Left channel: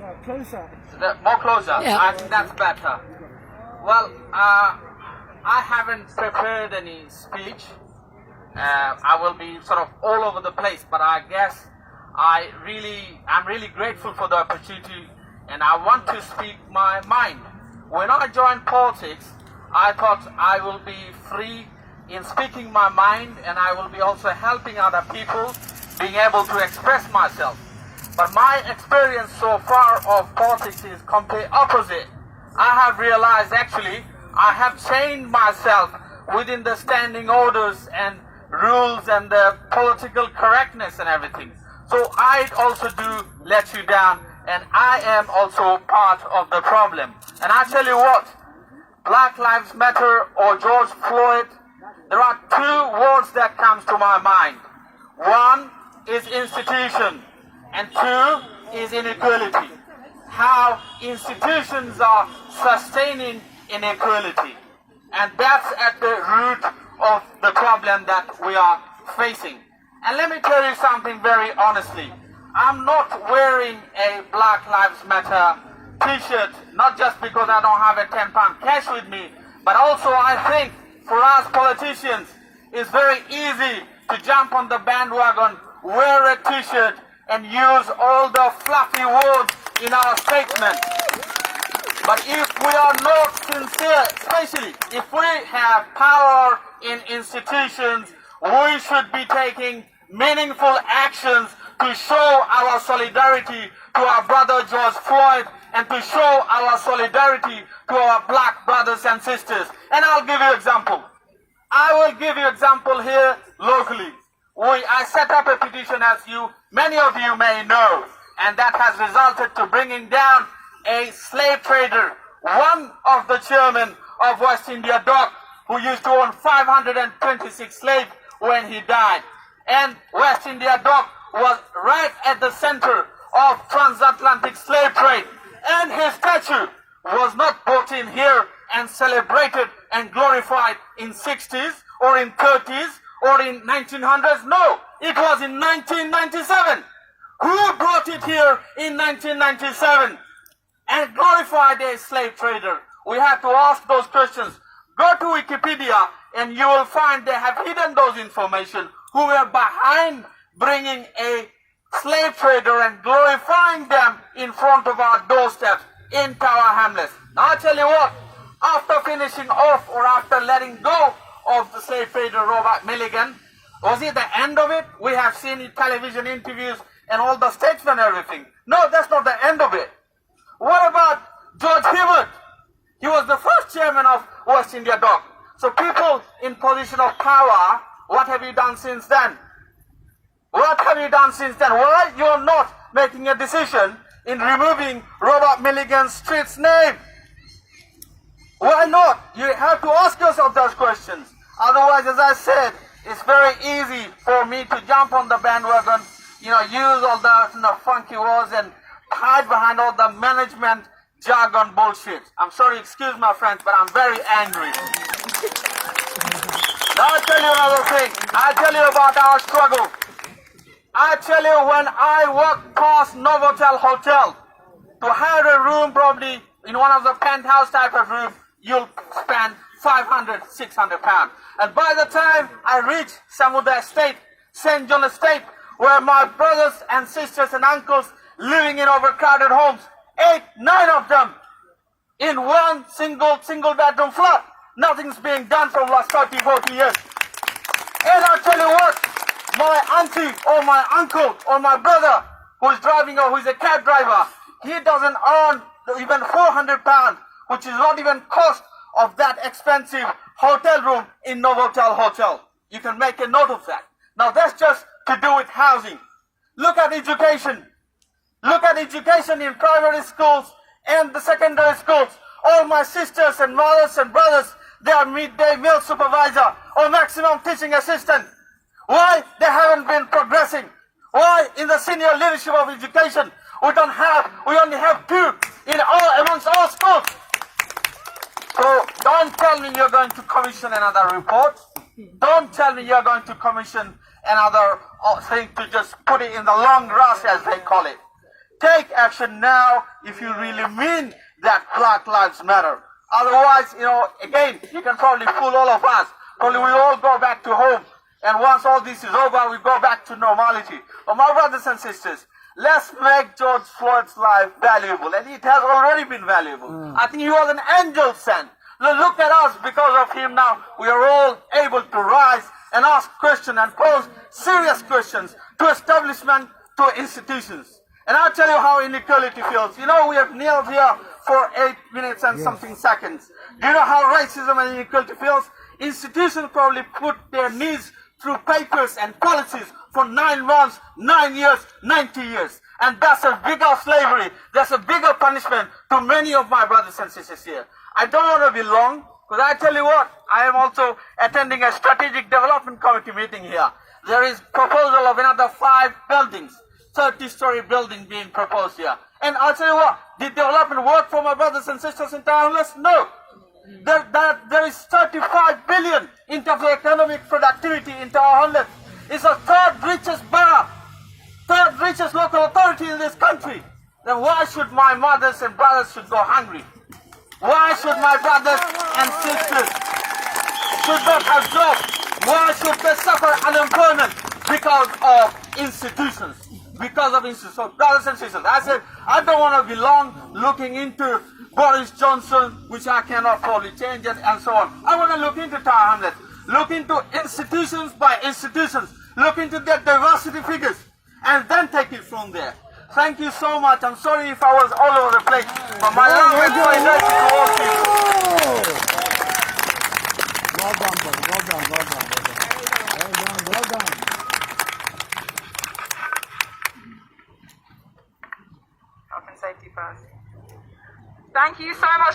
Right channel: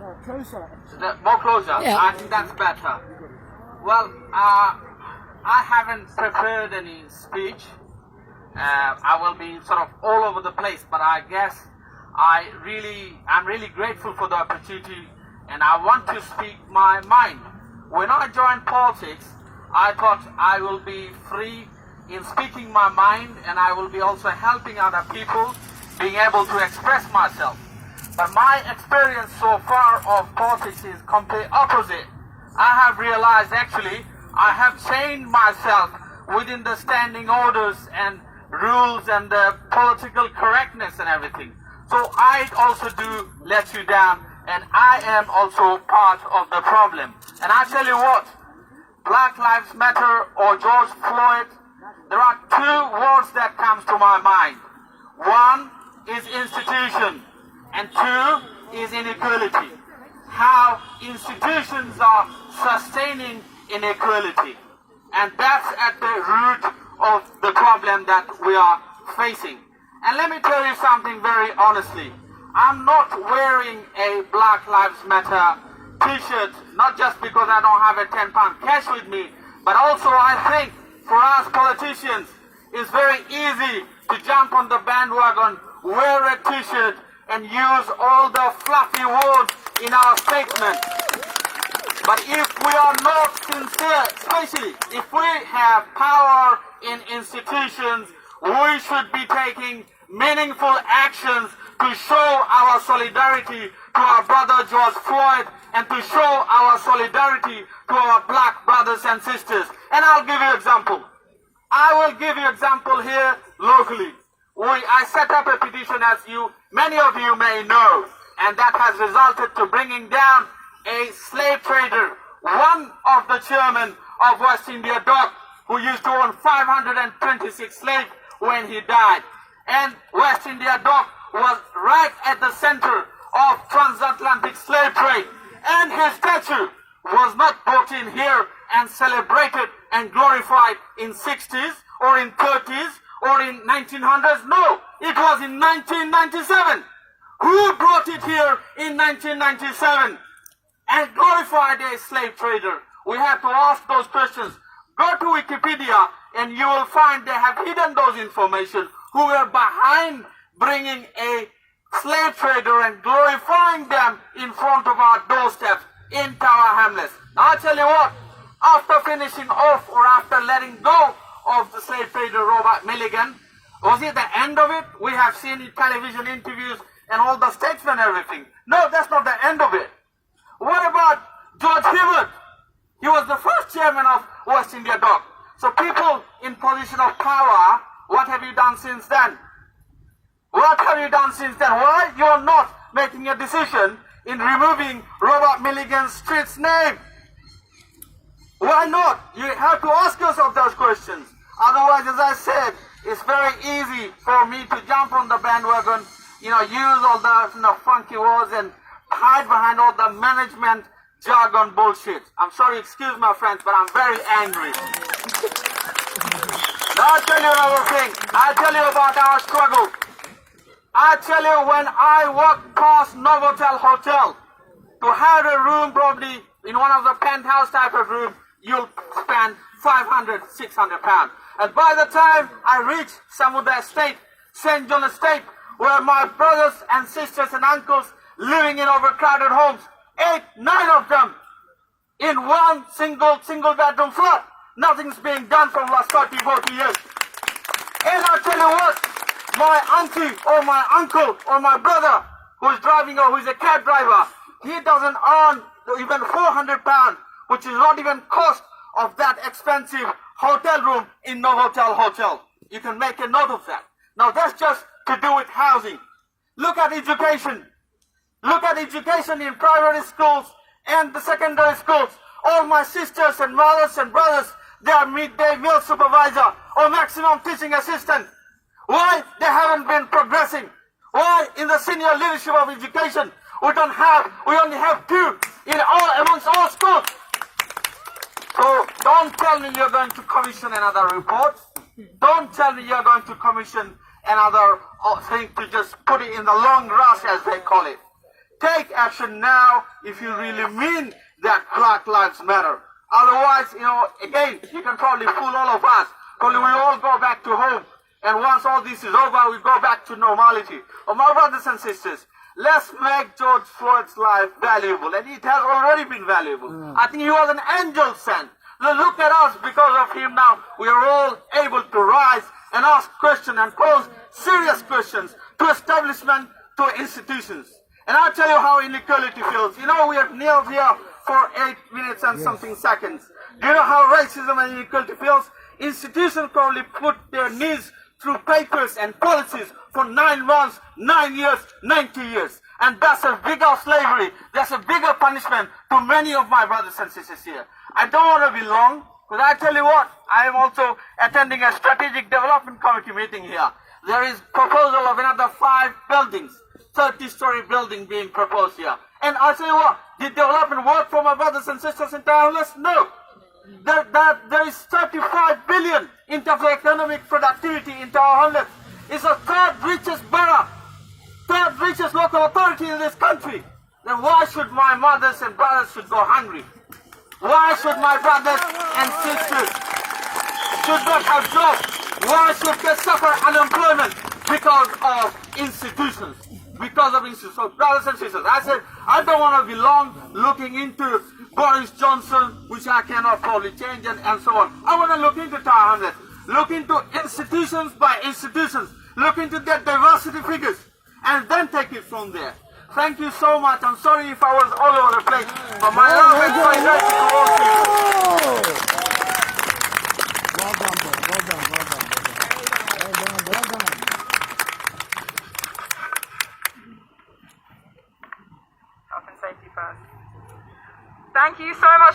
No, closer. More closer? Yeah. I think that's better. Well, I haven't prepared any speech. I will be sort of all over the place, but I guess I'm really grateful for the opportunity, and I want to speak my mind. When I joined politics, I thought I will be free in speaking my mind, and I will be also helping other people being able to express myself. But my experience so far of politics is complete opposite. I have realized actually I have chained myself within the standing orders and rules and the political correctness and everything. So I also do let you down, and I am also part of the problem. And I tell you what, Black Lives Matter or George Floyd, there are two words that comes to my mind. One is institution, and two is inequality. How institutions are sustaining inequality. And that's at the root of the problem that we are facing. And let me tell you something very honestly. I'm not wearing a Black Lives Matter t-shirt, not just because I don't have a 10-pound cash with me, but also I think for us politicians, it's very easy to jump on the bandwagon, wear a t-shirt, and use all the fluffy words in our statement. But if we are not sincere, especially if we have power in institutions, we should be taking meaningful actions to show our solidarity to our brother George Floyd and to show our solidarity to our black brothers and sisters. And I'll give you an example. I will give you an example here locally. I set up a petition, as many of you may know, and that has resulted to bringing down a slave trader, one of the chairmen of West India Dock, who used to own 526 slaves when he died. And West India Dock was right at the center of transatlantic slave trade. And his statue was not brought in here and celebrated and glorified in 60s or in 30s or in 1900s. No, it was in 1997. Who brought it here in 1997 and glorified a slave trader? We have to ask those questions. Go to Wikipedia and you will find they have hidden those information who were behind bringing a slave trader and glorifying them in front of our doorstep in Tower Hamlets. Now I tell you what, after finishing off or after letting go of the slave trader Robert Milligan, was it the end of it? We have seen in television interviews and all the statesmen and everything. No, that's not the end of it. What about George Hibbert? He was the first chairman of West India Dock. So people in position of power, what have you done since then? What have you done since then? Why you are not making a decision in removing Robert Milligan's street's name? Why not? You have to ask yourself those questions. Otherwise, as I said, it's very easy for me to jump on the bandwagon, use all the funky words and hide behind all the management jargon bullshit. I'm sorry, excuse my friends, but I'm very angry. I'll tell you another thing. I'll tell you about our struggle. I tell you, when I walked past Novotel Hotel to have a room, probably in one of the penthouse type of room, you'll spend 500, 600 pounds. And by the time I reach Samudra Estate, St. John Estate, where my brothers and sisters and uncles living in overcrowded homes, 8, 9 of them in one single bedroom flat. Nothing's being done for the last 30, 40 years. And I'll tell you what, my auntie or my uncle or my brother who's driving or who's a cab driver, he doesn't earn even 400 pounds, which is not even cost of that expensive hotel room in Novotel Hotel. You can make a note of that. Now that's just to do with housing. Look at education. Look at education in primary schools and the secondary schools. All my sisters and mothers and brothers, they are midday meal supervisor or maximum teaching assistant. Why they haven't been progressing? Why in the senior leadership of education we only have 2 amongst all schools? So don't tell me you're going to commission another report. Don't tell me you're going to commission another thing to just put it in the long grass, as they call it. take action now if you really mean that Black Lives Matter. Otherwise, again, you can probably fool all of us. Only we all go back to home. And once all this is over, we go back to normality. But my brothers and sisters, let's make George Floyd's life valuable. And it has already been valuable. I think he was an angel sent. Look at us. Because of him now, we are all able to rise and ask questions and pose serious questions to establishment, to institutions. And I'll tell you how inequality feels. We are near here for 8 minutes and something seconds. Do you know how racism and inequality feels? Institutions probably put their knees through papers and policies for 9 months, 9 years, 90 years. And that's a bigger slavery. That's a bigger punishment to many of my brothers and sisters here. I don't want to be long, because I tell you what, I am also attending a strategic development committee meeting here. There is proposal of another 5 buildings, 30-story building being proposed here. And I'll tell you what, did development work for my brothers and sisters in Hamlets? No. There is 35 billion in terms of economic productivity in Hamlets. It's the 3rd richest borough, 3rd richest local authority in this country. Then why should my mothers and brothers should go hungry? Why should my brothers and sisters should not have jobs? Why should they suffer unemployment? Because of institutions. Because of institutions. So brothers and sisters, I said, I don't want to be long looking into Boris Johnson, which I cannot probably change it, and so on. I want to look into Tower Hamlets. Look into institutions by institutions. Look into their diversity figures. And then take it from there. Thank you so much. I'm sorry if I was all over the place. But my love is so united to all people. Well done, brother. Well done, well done, brother. Well done. Health and safety first. Thank you so much.